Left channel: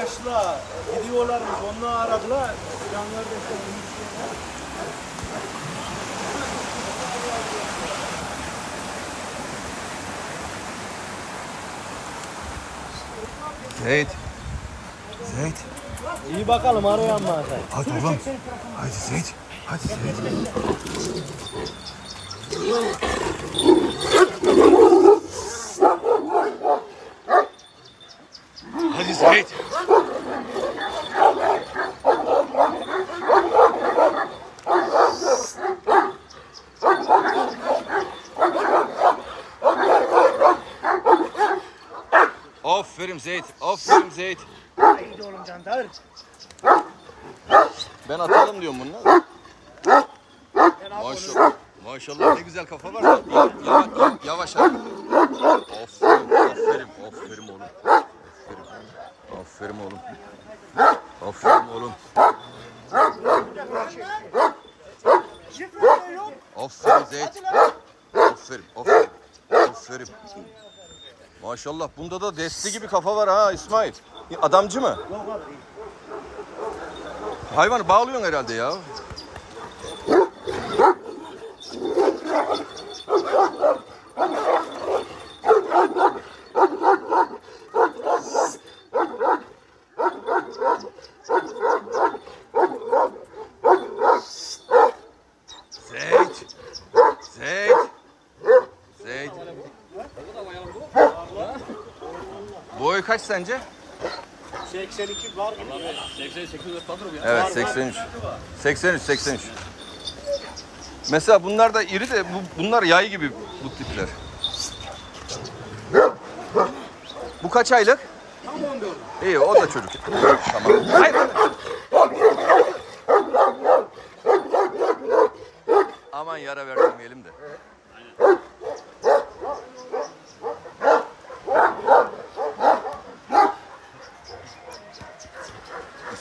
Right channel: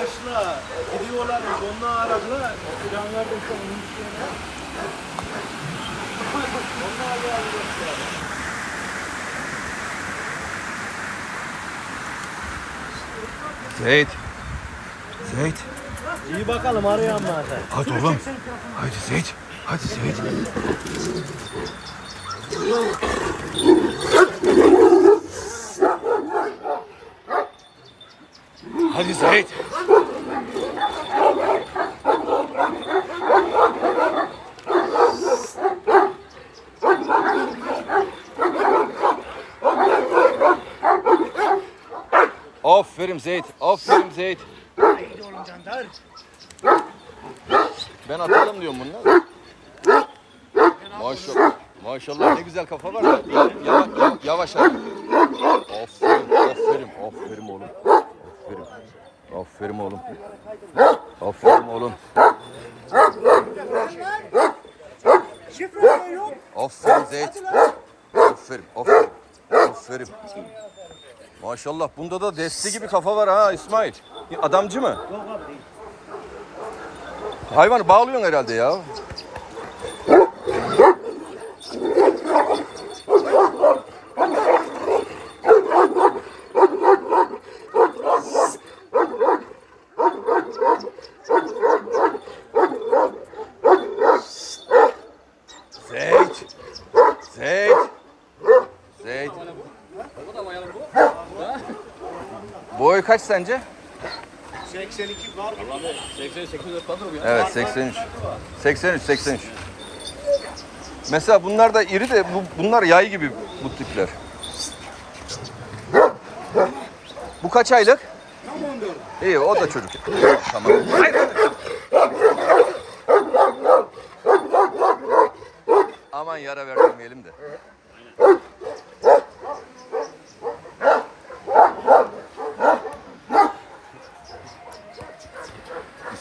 arkadaşlar gidiyorlar onunla aradılar. Canlar. Zeyt. Zeyt. İyi bakalım arayan zaten. Hadi oğlum. Hadi Zeyt. Hadi Zeyt. Hadi Zeyt. Aferin Zeyt. Aferin Zeyt. İyi oğlum Cantar. Ben atalım diyorum bunu. Maşallah. Maşallah ne güzel kafa var. Yavaş yavaş, yavaş abi. Aferin, aferin, aferin oğlum. Aferin. Aferin oğlum. Aferin oğlum. Aferin Zeyt. Aferin, aferin. Aferin. Maşallah bunda da desti gibi kafa var ha İsmail. Adamcı mı? Yok abi değil. Hayvanı bağlıyorsun herhalde ya. Zeyt. Zeyt. Zeyt. Boy kaç sence? 82 var gibi. Evet 83. 83 83. Mesela bunlar da iri de bu, bunlar yay gibi bu tipler. Bu kaç aylık? Tam 14. İyi o da çocuk. Tamam. Hayır. Aman yara vermeyelim de.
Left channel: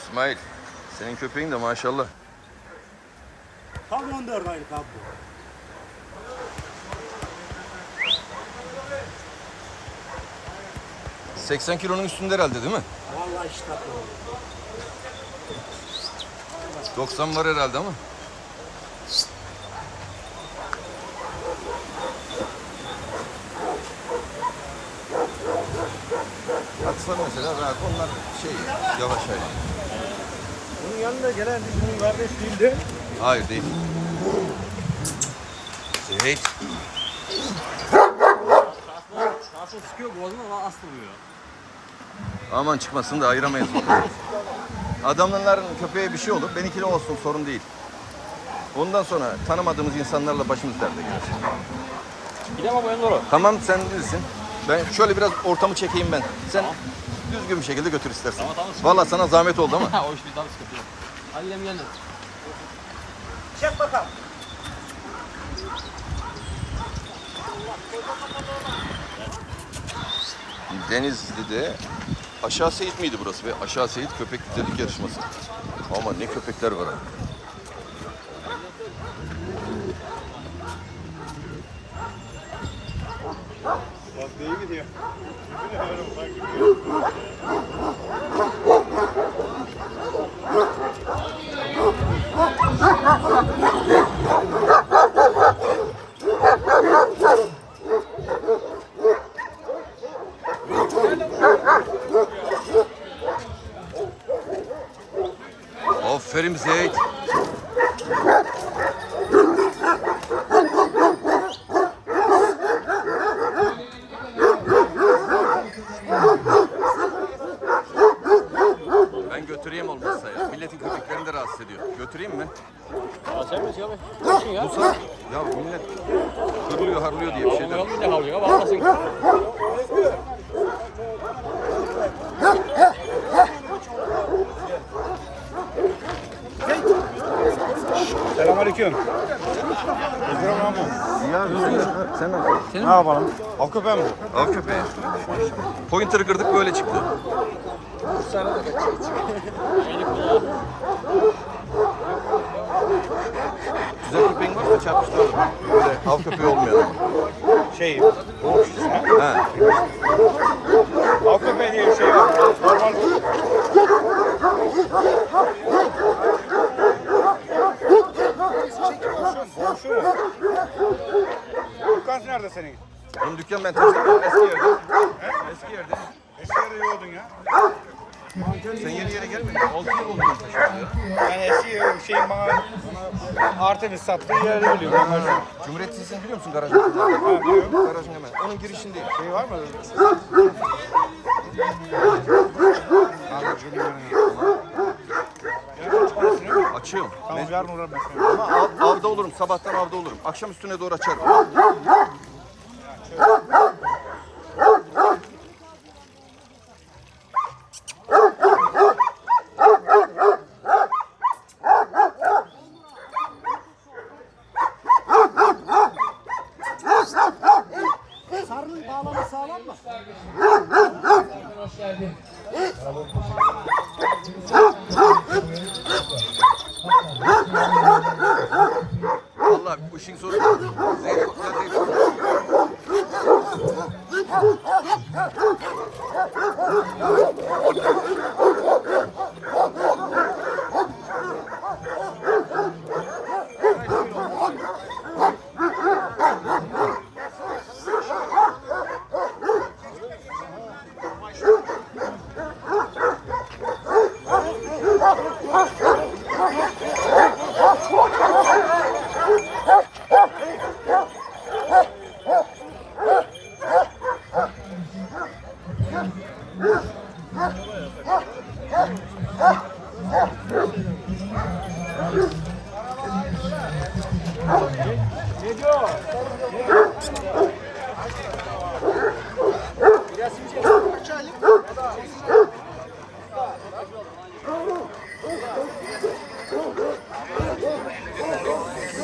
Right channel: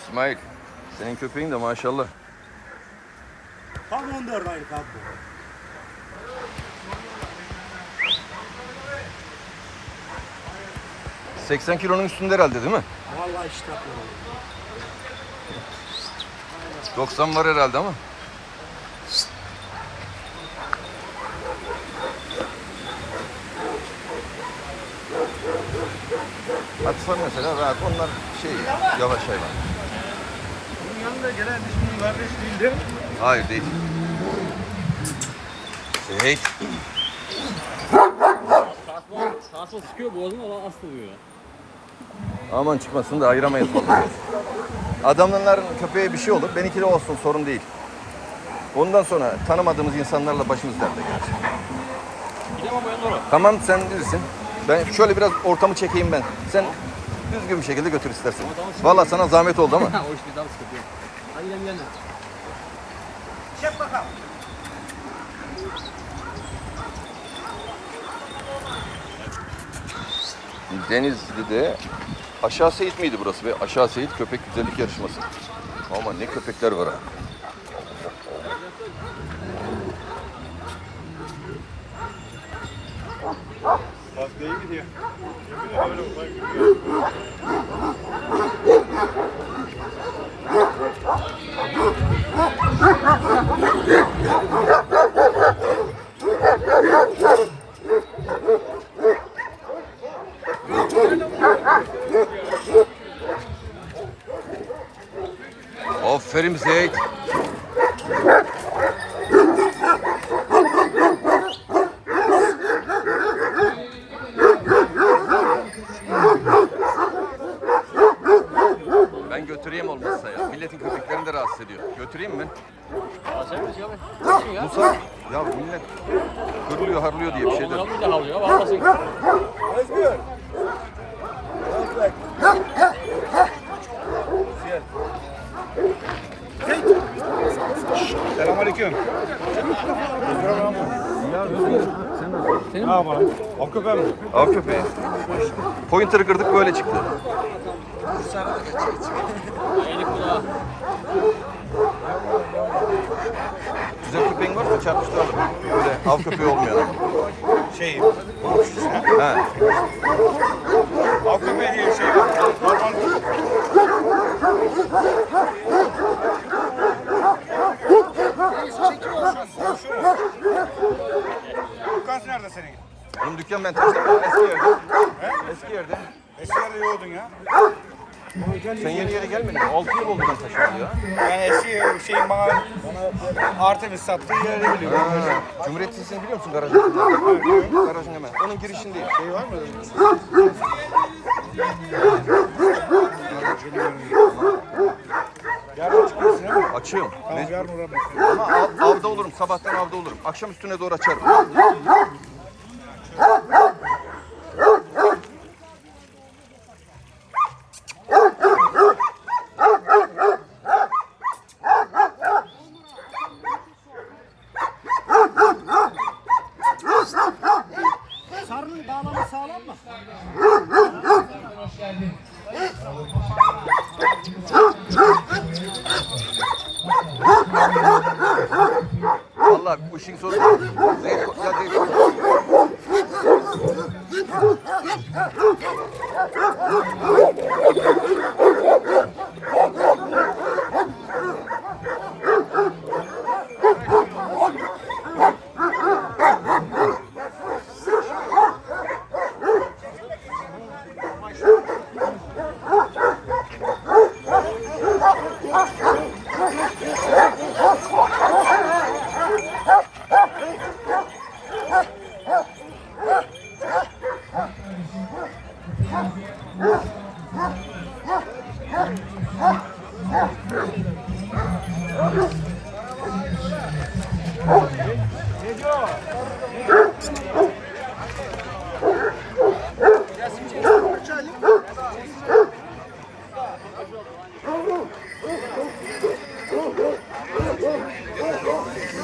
İsmail, senin köpeğin de maşallah. Tam 14 aylık abi bu. — 80 kilonun üstünde herhalde değil mi? Vallahi iştahlı oğlum. 90 var herhalde ama. Atsan mesela rahat onlar şey yavaş hayvan. Yanında gelen bizim kardeş bildi. Hayır değil. Zeyt. Sağ çıkıyor boğazına ama asıl oluyor. Aman çıkmasın da ayıramayız bakalım. Adamların köpeğe bir şey olur. Benimki de olsun sorun değil. Ondan sonra tanımadığımız insanlarla başımız derde gelir. Gidemem ben doğru. Tamam sen bilirsin. Ben şöyle biraz ortamı çekeyim ben. Sen düzgün bir şekilde götür istersen. Vallahi sana zahmet oldu ama. o iş bizden sıkıntı yok. Gidelim yanına. Çek bakalım. Denizli'de Aşağı Seyit miydi burası be? Aşağı Seyit köpek güzellik yarışması. Ama ne köpekler var ha. Bak gidiyor. Rahatsız ediyor. Götüreyim mi? Musa, ya millet hırlıyor harlıyor diye bir şey. Vallahi Selamünaleyküm. Ya sen, sen ne yapıyorsun? Ne yapalım? Av köpeği mi? Av köpeği. Pointer'ı kırdık böyle çıktı. Güzel köpeğin varsa çarpıştıralım. Böyle av köpeği olmayan ama. Şey, Ha. av köpeği diye bir şey var. Normal Dükkan nerede senin? Benim dükkan ben taşıyorum eski yerde. Eski yerde. Eski yerde yoğurdun ya. Sen yeni yere gelmedin mi? 6 yıl oldu ben taşıyorum ya. Ben eski şeyin bana, artı bir sattığı yeri biliyorum. Ha, Cumhuriyet Lisesi'ni biliyor musun garajın? garajın hemen. Onun girişindeyim. Şey var mı? Yarın çıkıyorsun değil mi? Açığım. Tamam Ne- yarın uğrarım. Ama av- avda olurum. Sabahtan avda olurum. Akşam üstüne doğru açarım. Sarının bağlamı sağlam mı? Vallahi bu işin sonu zeyt, ya zeyt.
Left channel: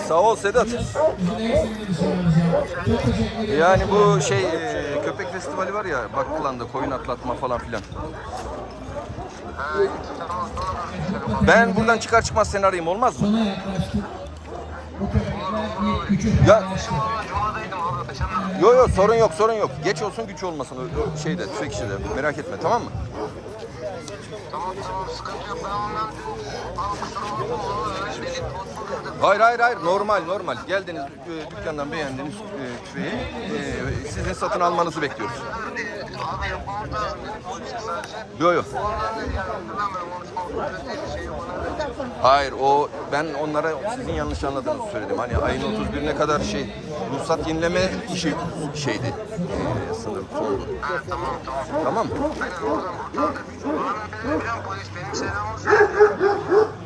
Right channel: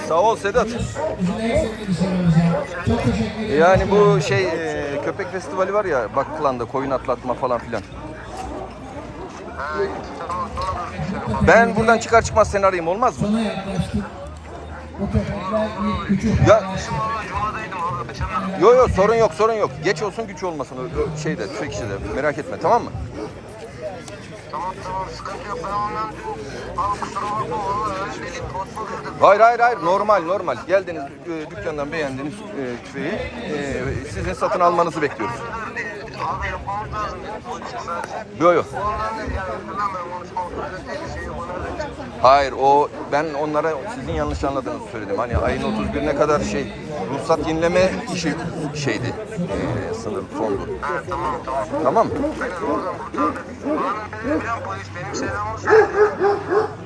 Sağ ol Sedat. Yani bu şey e, köpek festivali var ya Bakkılan'da koyun atlatma falan filan. Ben buradan çıkar çıkmaz seni arayayım olmaz mı? Sana yaklaştık. Ya Yo yo sorun yok sorun yok. Geç olsun güç olmasın şeyde tüfek işi de merak etme tamam mı? Tamam tamam sıkıntı yok ben ondan dün al kusura bakma valla öyle dedik kod mu verdik? Hayır hayır hayır normal normal. Geldiniz e, dükkandan beğendiniz e, tüfeği. E, sizin satın almanızı bekliyoruz. Abi yapmamız lazım dedik polise sadece. Yo yo. Ondan dedi yani yüzünden ben konuşma otoritesi bir şey yok çıktı? Hayır o ben onlara sizin yanlış anladığınızı söyledim. Hani ayın 31'ine kadar şey ruhsat yenileme işi şeydi. E, sınır sondu. Ha tamam tamam. Tamam? Aynen oradan kurtardık. Bana dedi biliyorum polis benim selamımı söyledi.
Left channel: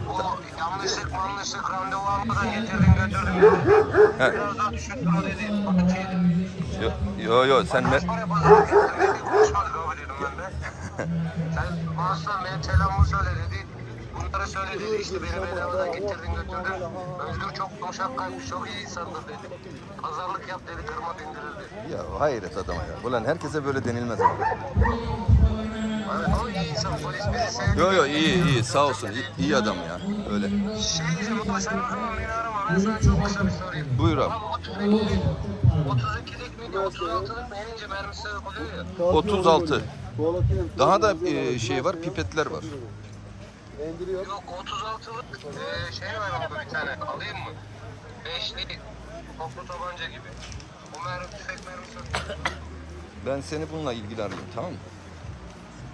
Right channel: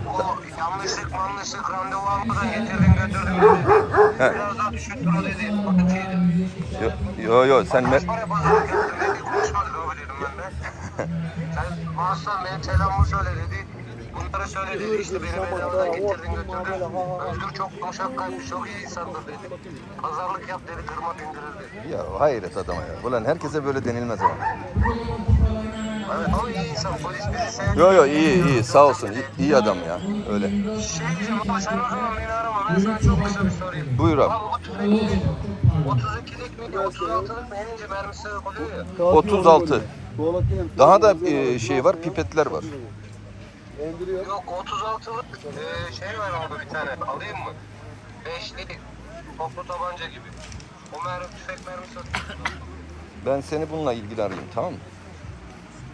O yanlışlık manlışlık randevu almadan dedi. He. Biraz daha düşüktür o dedi. Atıcıydı. Yo yo, yo sen me- Kaç para pazara getirdin dedi. Konuşmadık abi dedim ben de. Sen Mahsun benim selamımı söyle dedi. Bunları söyle dedi işte beni bedavadan getirdin götürdün. Özgür çok yumuşak kalpli çok iyi insandır dedi. Pazarlık yap dedi kırma dindirir dedi. ya hayret adama ya. Ulan herkese böyle denilmez ama. Evet ama iyi insan polis bizi sevdi. Yo yo iyi iyi sağ olsun. İyi, iyi adam ya. Öyle. Şey diyeceğim ama sen o zaman beni arama. Ben sana çok kısa bir sorayım. Buyur abi. Abi o tüfek 32'lik miydi? 36'lık mı? En ince mermisi oluyor ya. 36. Daha da e, şey var, pipetler var. Yok 36'lık eee, şey var abi bir tane. Alayım mı? Beşli toplu tabanca gibi. O mermi tüfek mermisi atıyor. Ben seni bununla ilgili arayayım tamam mı?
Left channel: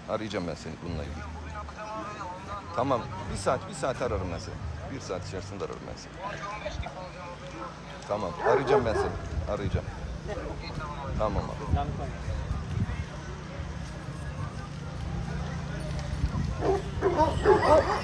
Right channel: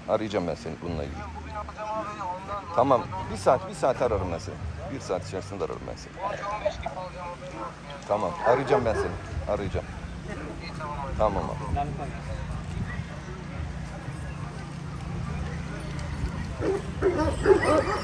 Arayacağım ben seni bununla ilgili. Bugün yapacağım abi ondan. Tamam. Bir saat, bir saat ararım ben seni. Bir saat içerisinde ararım ben seni. 15 gibi alacağım haberin olsun yani. Tamam. Arayacağım ben seni. Arayacağım. İyi tamam. Tamam abi. Oh.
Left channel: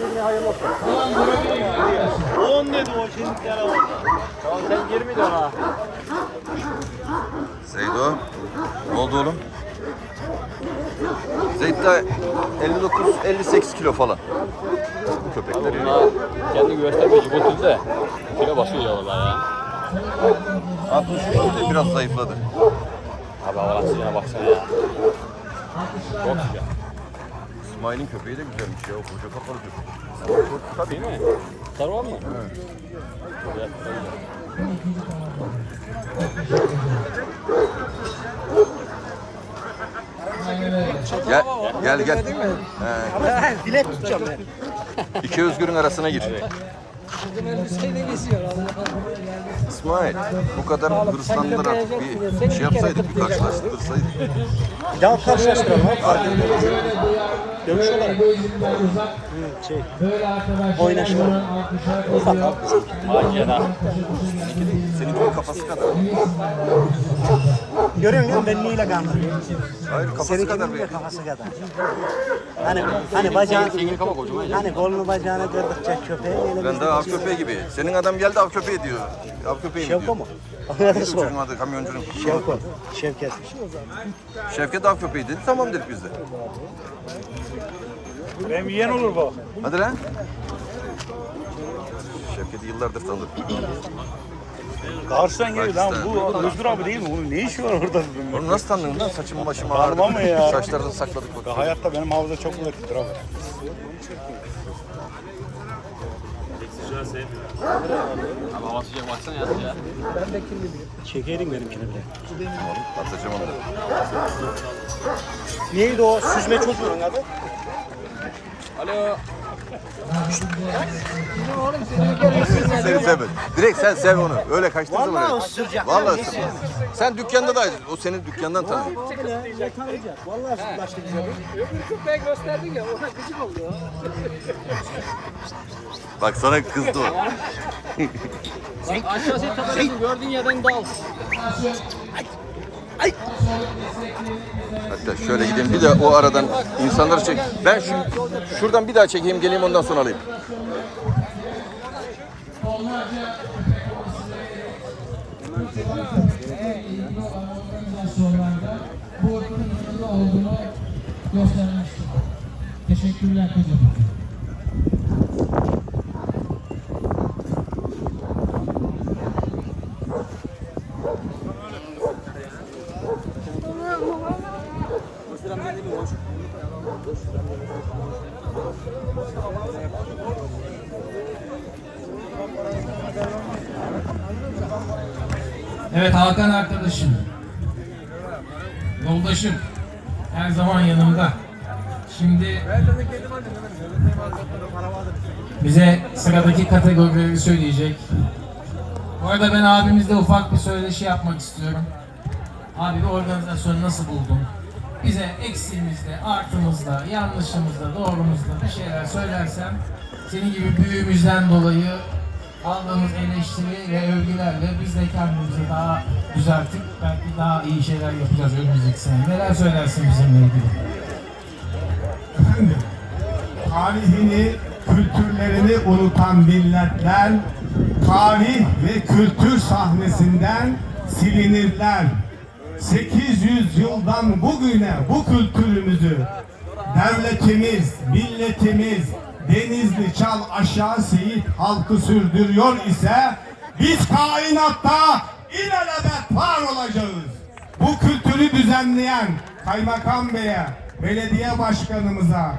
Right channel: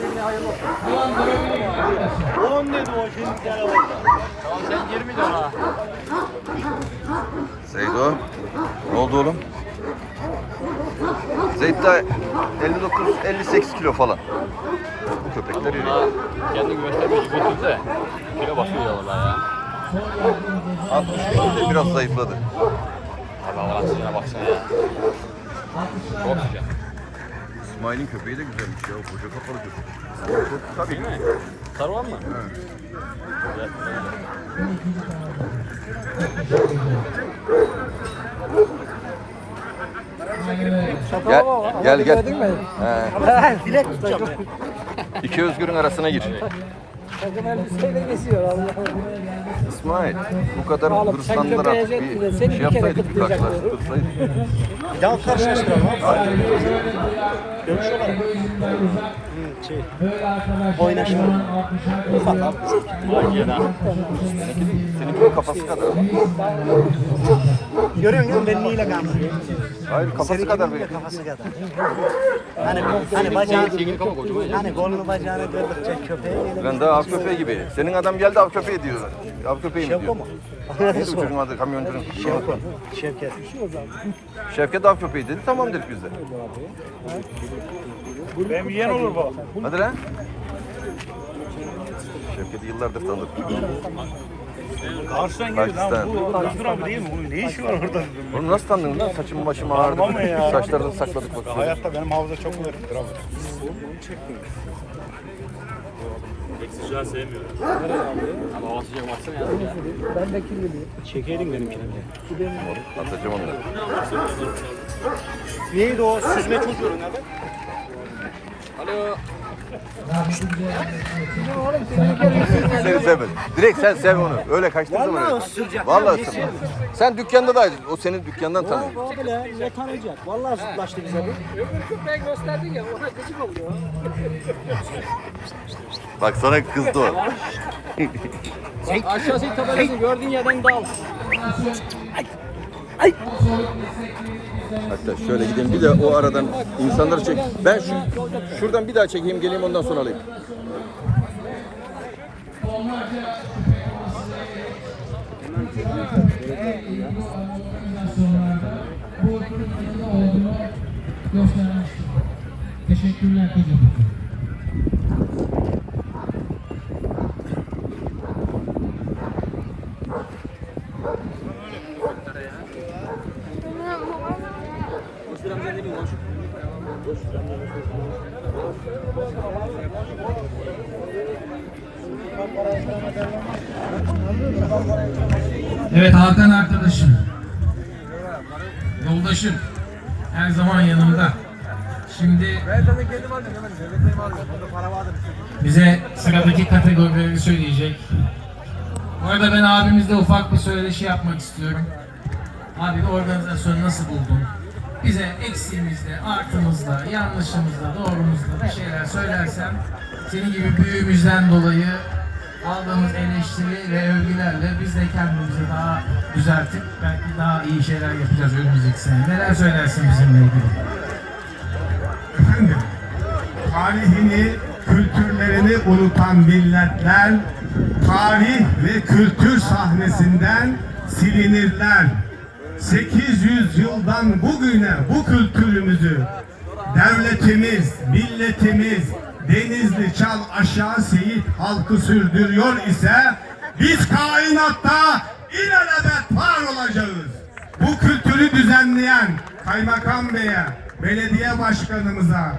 Ulan durabilir 10 dedi o şimdi telefon. Lan sen 20 de ha. Zeydo. Ne oldu oğlum? Zeyt de 59 58 kilo falan. Bu köpekler yürüyor. Kendi göstermeci götürdü de kilo basıyor ya vallahi ya. 63 kilo biraz zayıfladı. Abi Allah'ın baksana ya. Yok ya. İsmail'in köpeği de güzelmiş ya. O koca kafalı köpek. Tabii. Değil mi? Sarı var mı? Güzel. Gel gel gel. He. Dilek tutacağım ya. İki özgürün arasına gir. İsmail bu kadar hırslandılar artık bir şey yapsaydık bir karşılaştırsaydık. Ya karşılaştıralım. Hadi. Dönüş olarak. Şey, Böyle arkadaşlar. Oynaşma. ufak abi. Seninkinin kafası kadar. Görüyor musun? Benliğiyle kandırıyor. Hayır kafası Seninki kadar belki. Kafası kadar. Hani, hani bacağını, hani kolunu bacağını kırdıkça köpeği elini Ben daha av köpeği gibi. Senin adam geldi av köpeği diyor. Av köpeği mi Şevko diyor? mu? Anladın Neydi bu çocuğun adı kamyoncunun? Şevko. Şevket. Şevket av köpeği dedi. Tamam dedik biz de. Benim yiyen olur baba. Hadi lan. Şevket'i yıllardır tanırım. Karşıdan geliyor lan. Bu Özgür abi değil mi? Bunun ne işi var orada? Oğlum nasıl tanıdın lan? Saçım başım ağrıdı. Tamam ya? Saçlarını sakladık bak. Hayatta benim havuzda çok kuvvetlidir abi. Abi hava sıcak baksana ya. ya. Çekeydin benimkini de. Oğlum atacağım onları. Neydi o süzme çocuğun adı? Alo. Seni sevmedim. Direkt sen sev onu. Öyle kaçtığı zaman Vallahi ısıracak. Vallahi. Sen dükkanda da o senin dükkandan tanıyor. Abi lan ne tanıyacak? Vallahi zıplaştı bize bu. Bak sana kızdı o. Bak aşağısı tabelasını gördüğün yerden dal. Hatta şöyle gideyim bir de o aradan insanları çek. Ben şu şuradan bir daha çekeyim geleyim ondan sonra alayım. bu olduğunu. Teşekkürler Kocaman. Bize sıradaki kategorileri söyleyecek. Bu arada ben abimizle ufak bir söyleşi yapmak istiyorum. Abi organizasyonu nasıl buldun? Bize eksiğimizde, artımızda, yanlışımızda, doğrumuzda bir şeyler söylersen senin gibi büyüğümüzden dolayı aldığımız eleştiri ve övgülerle biz de kendimizi daha düzeltip belki daha iyi şeyler yapacağız önümüzdeki sene. Neler söylersin bizimle ilgili? Efendim, tarihini, kültürlerini unutan milletler tarih ve kültür sahnesinden silinirler. 800 yıldan bugüne bu kültürümüzü devletimiz, milletimiz, Denizli Çal Aşağı Seyit halkı sürdürüyor ise biz kainatta ilelebet var olacağız. Bu kültürü düzenleyen kaymakam beye, belediye başkanımıza,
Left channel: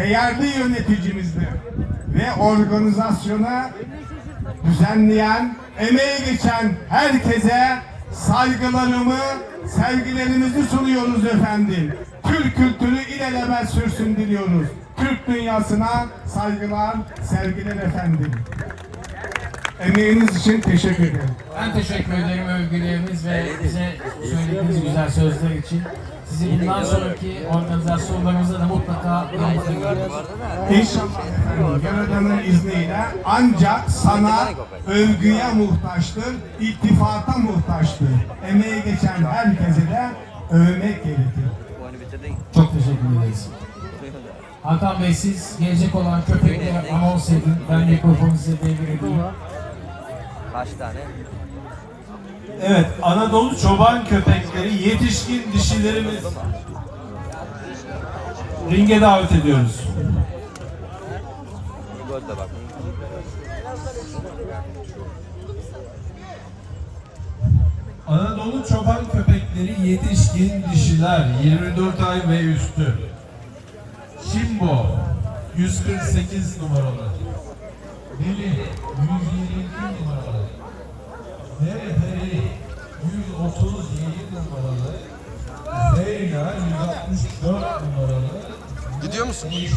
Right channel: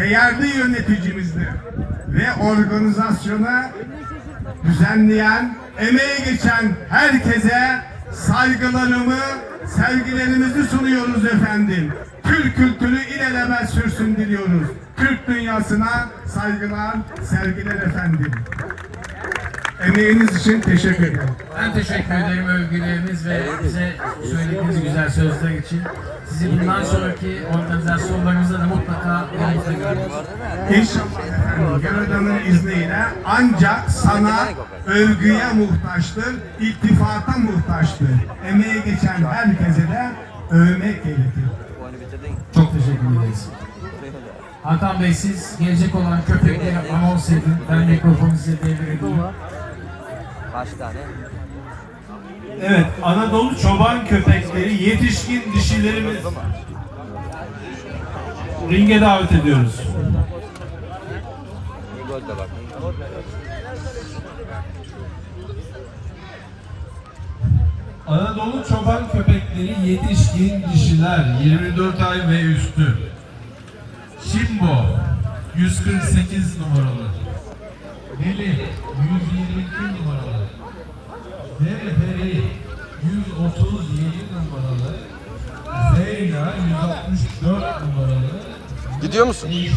değerli yöneticimizle ve organizasyona düzenleyen, emeği geçen herkese saygılarımı, sevgilerimizi sunuyoruz efendim. Türk kültürü ilelebet sürsün diliyoruz. Türk dünyasına saygılar, sevgiler efendim. Emeğiniz için teşekkür ederim. Ben teşekkür ederim övgüleriniz ve bize söylediğiniz güzel sözler için. Sizi bundan sonraki organizasyonlarımızda da mutlaka. İnşallah Yaradan'ın izniyle ancak sana övgüye muhtaçtır, ittifata muhtaçtır. Emeği geçen herkese de övmek gerekir. Çok teşekkür ederiz. Hakan Bey siz gelecek olan köpekleri anons edin. Ben mikrofonu size devredeyim. Kaç tane? Evet, Anadolu çoban köpekleri yetişkin dişilerimiz. Ringe davet ediyoruz. Anadolu çoban köpekleri yetişkin dişiler 24 ay ve üstü. Şimbo 148 numaralı. Veli 122 numaralı. 137 numaralı. Zeyna 164 numaralı. Gidiyor musun? 5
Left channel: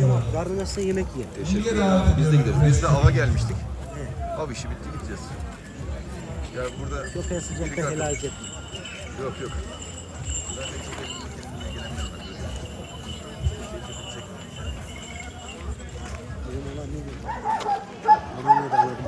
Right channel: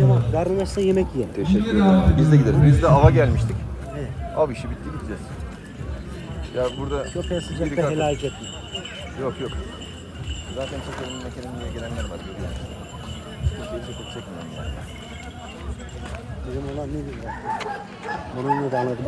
numaralı. Karnına yemek ye. Teşekkür ederim. Biz de gideriz. Biz de ava gelmiştik. Abi işi bitti gideceğiz. Ya burada Köpeğe sıcakta helal edecek. yok yok. Zaten çok önümde kendimle gelenler var. Böyle. Kimseyi çekip çekmiyorum yani. Bizim olan ne bileyim. Bunu da anladım.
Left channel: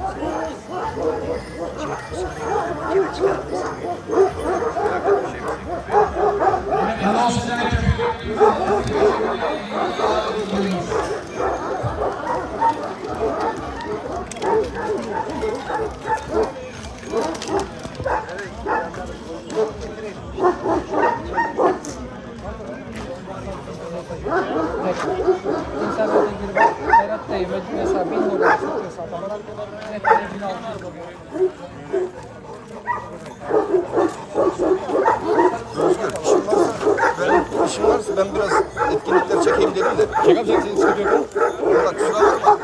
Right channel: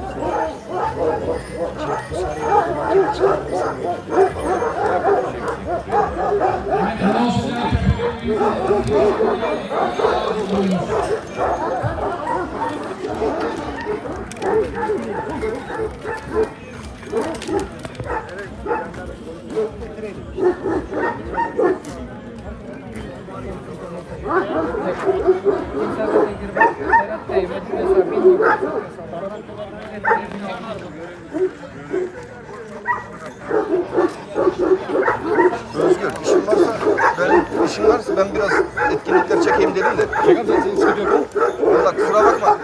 Özgür işin varsa ben işin varsa ben biraz etkinlikler çekeyim dedim de. Çekam sen seni çekiyorum. Valla kusura bakma.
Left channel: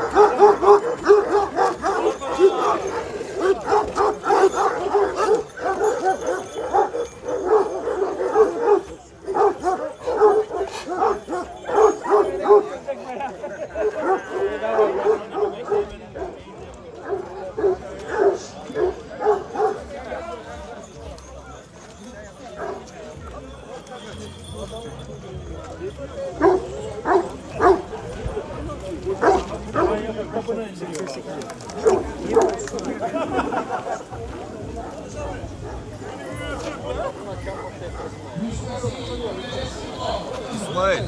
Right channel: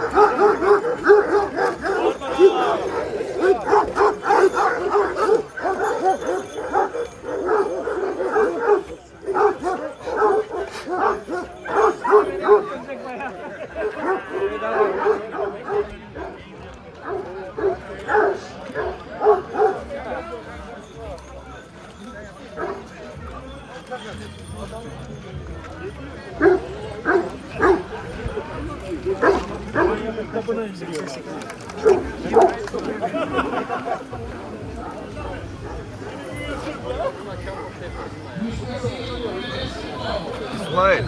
İsmail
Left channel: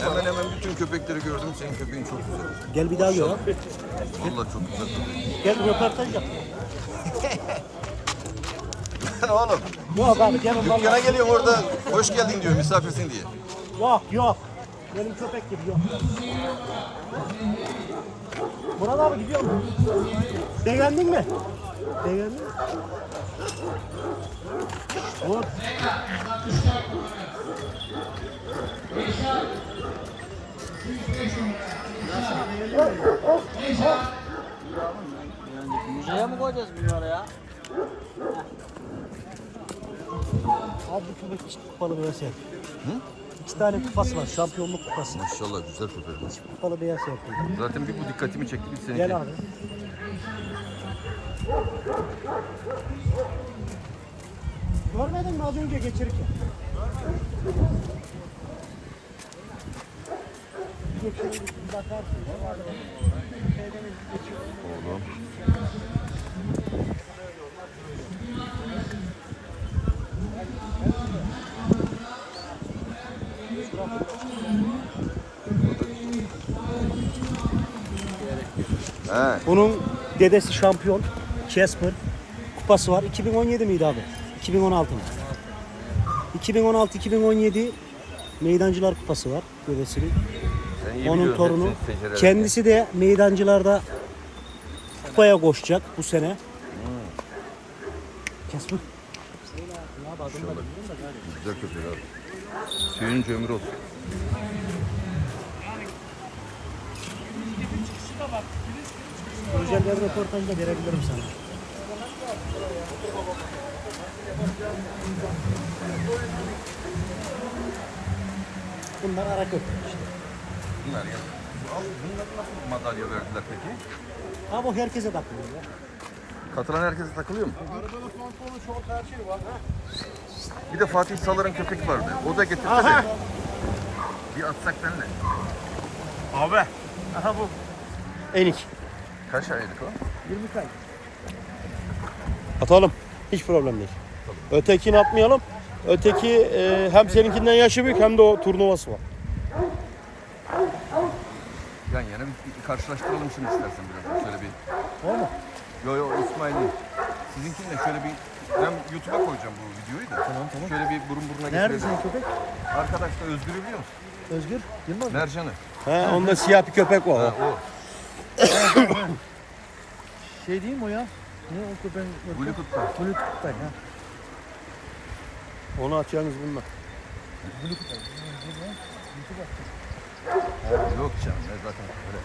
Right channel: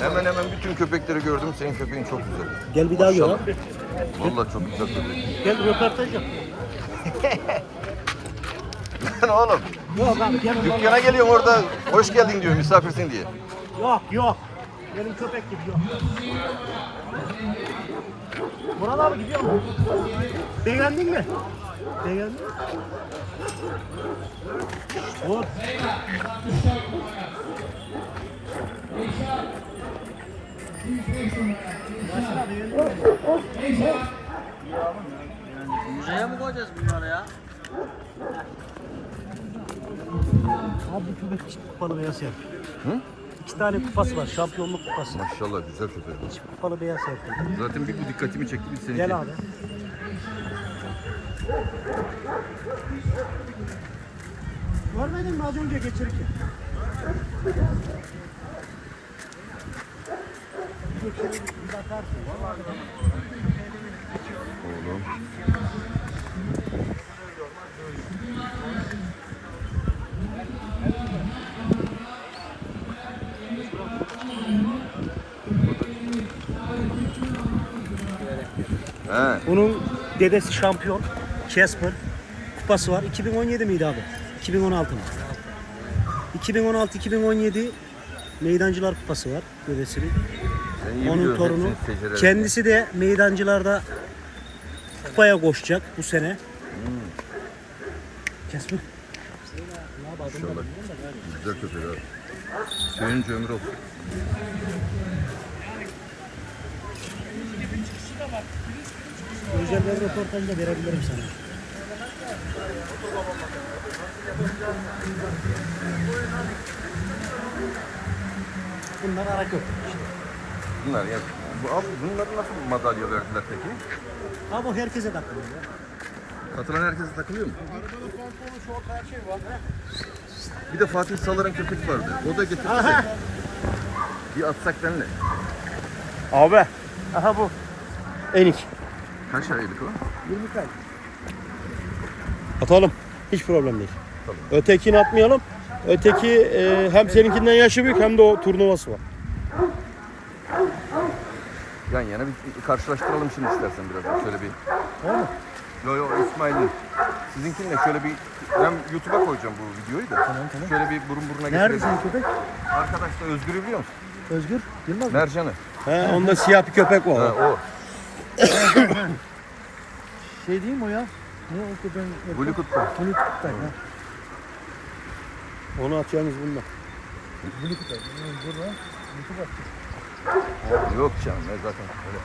hemen hemen bütün köpekleri gördüm. Senin köpeğin çok güzel. Gel bir daha gör. ha. Vallahi çok güzel köpek. Gel röportaj yap. Lan oğlum Yok abi gel onlarla. dükkana geliyorum orada hoş geldin diyor misafirsin diye. Yok yok. Benim köpek gibi yok. Murat abi gidiyor mu? Beğendin mi? Beğendin mi? Hop. Müzeye mi koyacağız bunları ya? Abi bu köpek kupalı beyaz yer. Hı? İki tane kupası var. Şampiyonluk kupası. Maşallah güzel köpek. Kupalı beyaz yer. Zaten bir bu dikkatimi çekti bir seninki. Gel abi. Görmedin mi az önce geçirirken? Oğlum. He. Bunun dedesi şampiyon. Casper. Kupası var. 2017 miydi abi? 2016 mı? 2016-2017 Meydancılar Kupası var dedesinin. İyi Onun torunu. Kendisi de meydancılarda kupaya koşacak bu sene. Casper. İnşallah. Güzel köpek abi. Sevinç ömür olsun. Özel bir röportaj da verebilirim sana. Bunlar ara köpek işte. Bunlar ya. Bu, abi bunları nasıl madalya verdiler peki? Ha bu herkese takılıyor ya. Katılan herkese takılıyor mu? Bir de Fatih Salar'ın köpek vardı. O da getirdi. Aha. Bir atsak benle. Abi. Aha bu. Enik. Kaç aylık o? 20 kay. Atalım. Hiç problem değil. Ötekini atmayalım. Öteki e, hem seninkinden yaşı büyük hem de o turnuvası var. Yan yana bir karşılaştıralım şimdi istersen biraz. Şöyle bir. Yo yo İsmail'in. Sizinkinle şöyle bir ben YouTube'a koyacağım bu videoyu da. Tamam tamam. Şöyle bir burun buruna Nerede getirelim. senin köpek? Arkadaş da Özgür'ü biliyor musun? Özgür. Yılmaz mı? Mercan'ı. He, onda siyah bir köpek var. Ha, o. Şey değil mi o ya? Ne o köpeğin? Blue Kut'ta. Blue Kut'tay ha. Onu atacağınız bununla. Yok canım ne zaten öyle.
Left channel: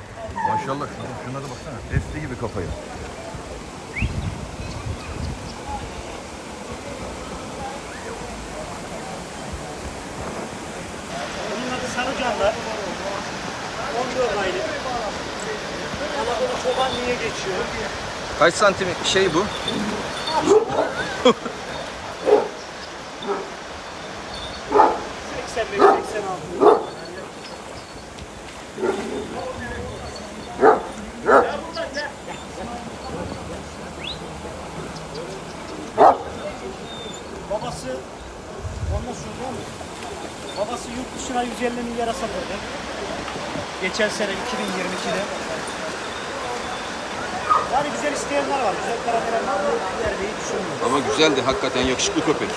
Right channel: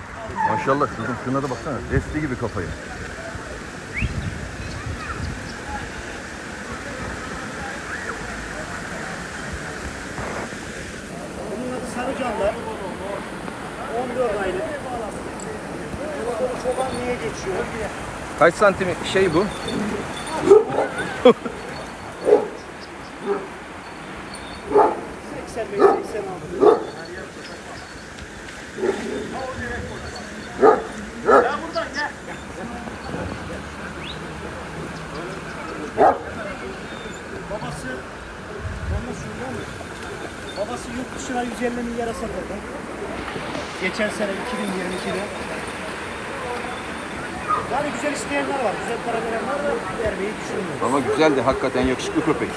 Maşallah şuna, şuna da baksana. Desti gibi kafayı. Bunun adı Sarıcanlar. 14 aylık. Anadolu çoban niye geçiyor? Kaç santim şey bu? Babası, onunla söylüyor mu? Babası yurt dışına 150 milyara satıldı. Geçen sene 2022'de. Yani güzel isteyenler var, güzel para veren var vermeyi düşünmüyor. Ama güzeldi hakikaten yakışıklı köpek.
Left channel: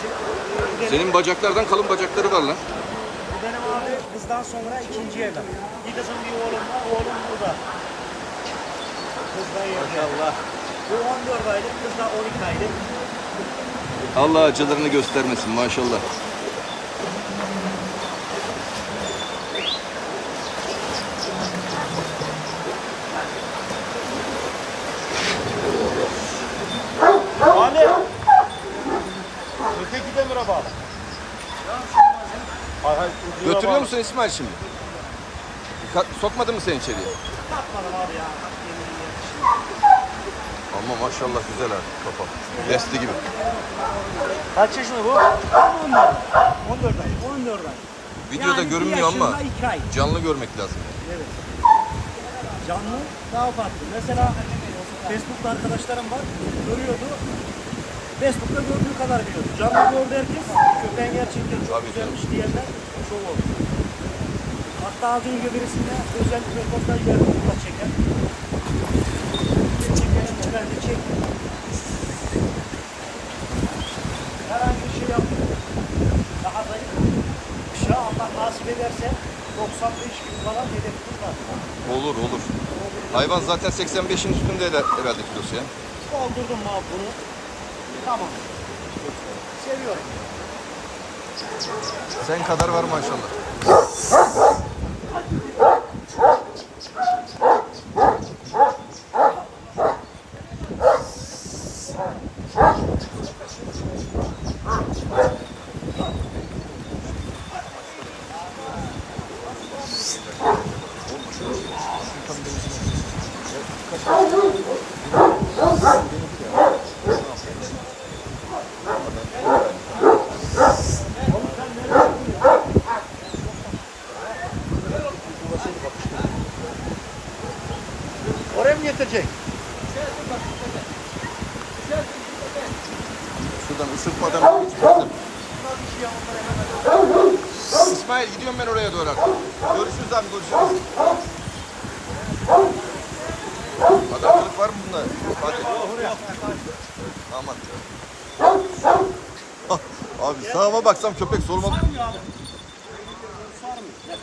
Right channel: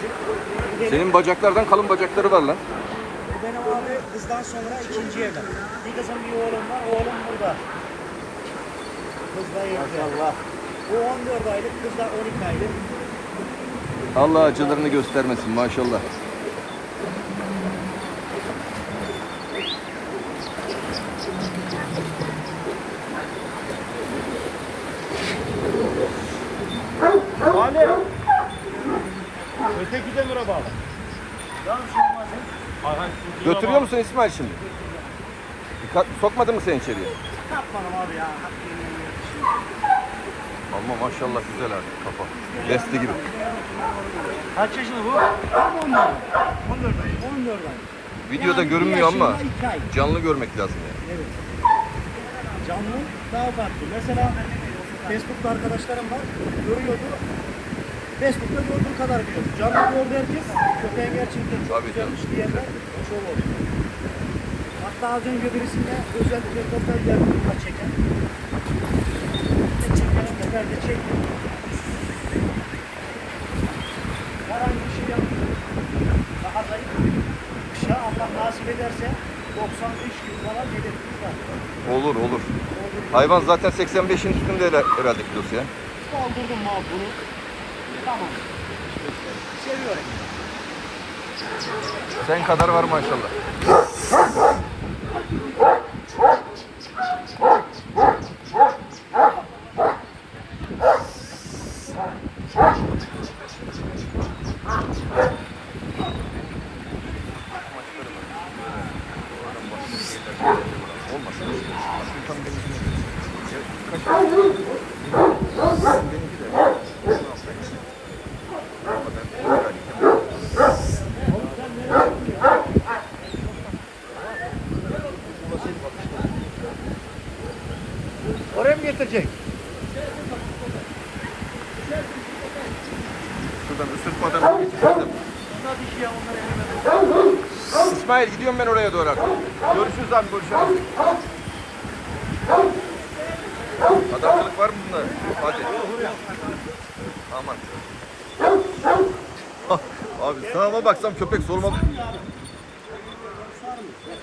Senin bacaklardan kalın bacakları var lan. Benim abi kızdan sonra ikinci evlat. Bir kızım bir oğlum var. Oğlum burada. Kız da evde. Maşallah. Bu 14 aylık, kız da 12 aylık. Allah acılarını göstermesin maşallah. Ali. Öteki demire bağlı. Hay hay. ucuna Götürüyor bağlı. musun İsmail şimdi? Ka- Sokmadı mı sen içeriye? Yapmadım abi ya. Hak yemeği yedim. Ama maşallah güzel abi kafa. Desti gibi. Kaç yaşında bu? Tam 14 ay. 14 ay. 14 ay. Videoda Yani bir görünmüyor ama yaşında iki ay. canlı görmek lazım yani. Evet. Canlı daha farklı. Mesela Facebook'ta arkadaşlarım var. Görüyordu. Facebook'ta gördüğü kadar biliyordu. Canlı gördü herkes. Köpeğin gerçekten çok Tabii güzelmiş diyenler çok oldu. Hatta az önce birisine özel bir röportaj verdim bununla çeken. Çekelim de ben de çektim. Herhangi bir şey yapmıyor. Daha zayıf. Kışa Allah nasip ederse 95 gün falan hedefimiz var. Olur olur. Hayvan zaten 85'in üstünde herhalde- kilosu ya. Mu abi bunu? Tamam. Seviyorum. Sen kadar var maşallah. Getirecek? Şuradan ısırtmadan çıkarttım. İsmail gidiyorum ben oraya doğru artık. Görüşürüz abi görüşürüz. Adamlık var mı bunda? Hadi. Aman. abi sağıma baksam köpek soluma Sarmıyor abi. Sarmıyor. Gel.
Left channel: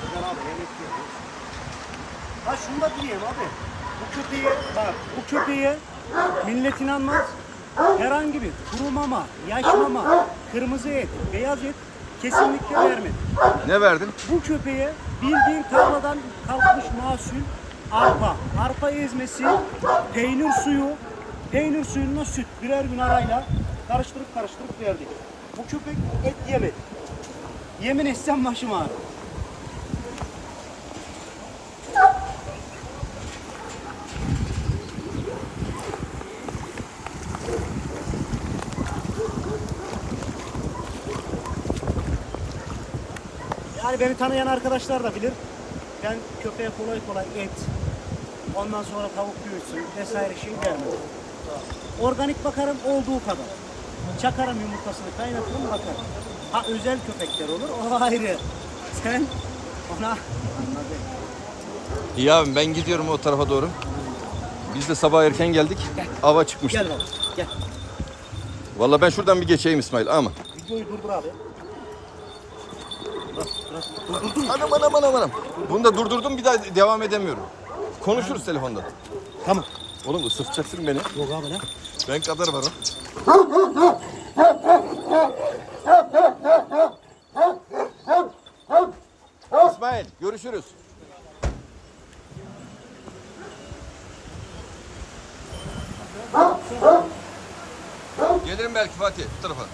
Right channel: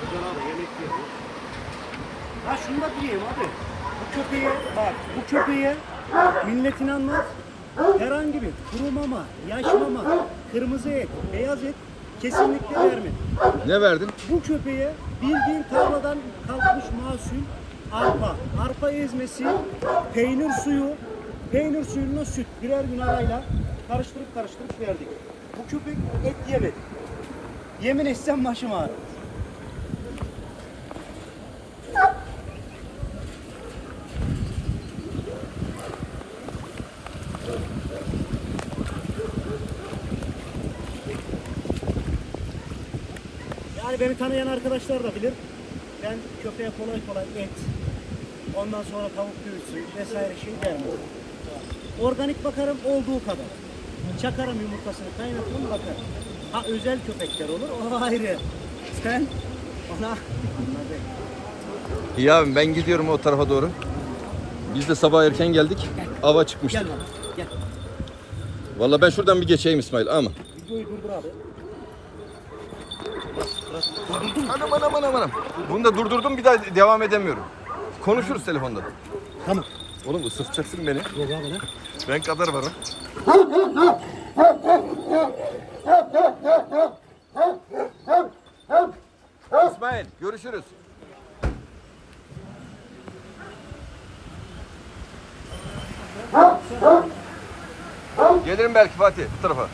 Güzel abi, yemek yiyor. Ya diyeyim abi. Bu köpeğe bak bu köpeğe millet inanmaz. Herhangi bir kuru mama, yaş mama, kırmızı et, beyaz et kesinlikle vermedik. Ne verdin? Bu köpeğe bildiğin tarladan kalkmış mahsul arpa, arpa ezmesi, peynir suyu, peynir suyuna süt birer gün arayla karıştırıp karıştırıp verdik. Bu köpek et yemedi. Yemin etsem başım ağrır. Yani beni tanıyan arkadaşlar da bilir. Ben köpeğe kolay kolay et, Ondan sonra tavuk büyütsün vesaire şey vermem. Organik bakarım olduğu kadar. Çakarım yumurtasını kaynatırım bakarım. Ha özel köpekler olur o ayrı. Sen ona anladın. İyi abi ben gidiyorum o tarafa doğru. Biz de sabah erken geldik. Hava çıkmış. Gel baba gel. Vallahi ben şuradan bir geçeyim İsmail ama. Videoyu durdur abi. Anam anam anam anam. Bunu da durdurdum bir daha devam edemiyorum. Konuşuruz telefonda. Tamam. Oğlum ısıtacaksın beni. Yok abi ne? Ben kadar varım. İsmail görüşürüz. Gelirim belki Fatih bu tarafa.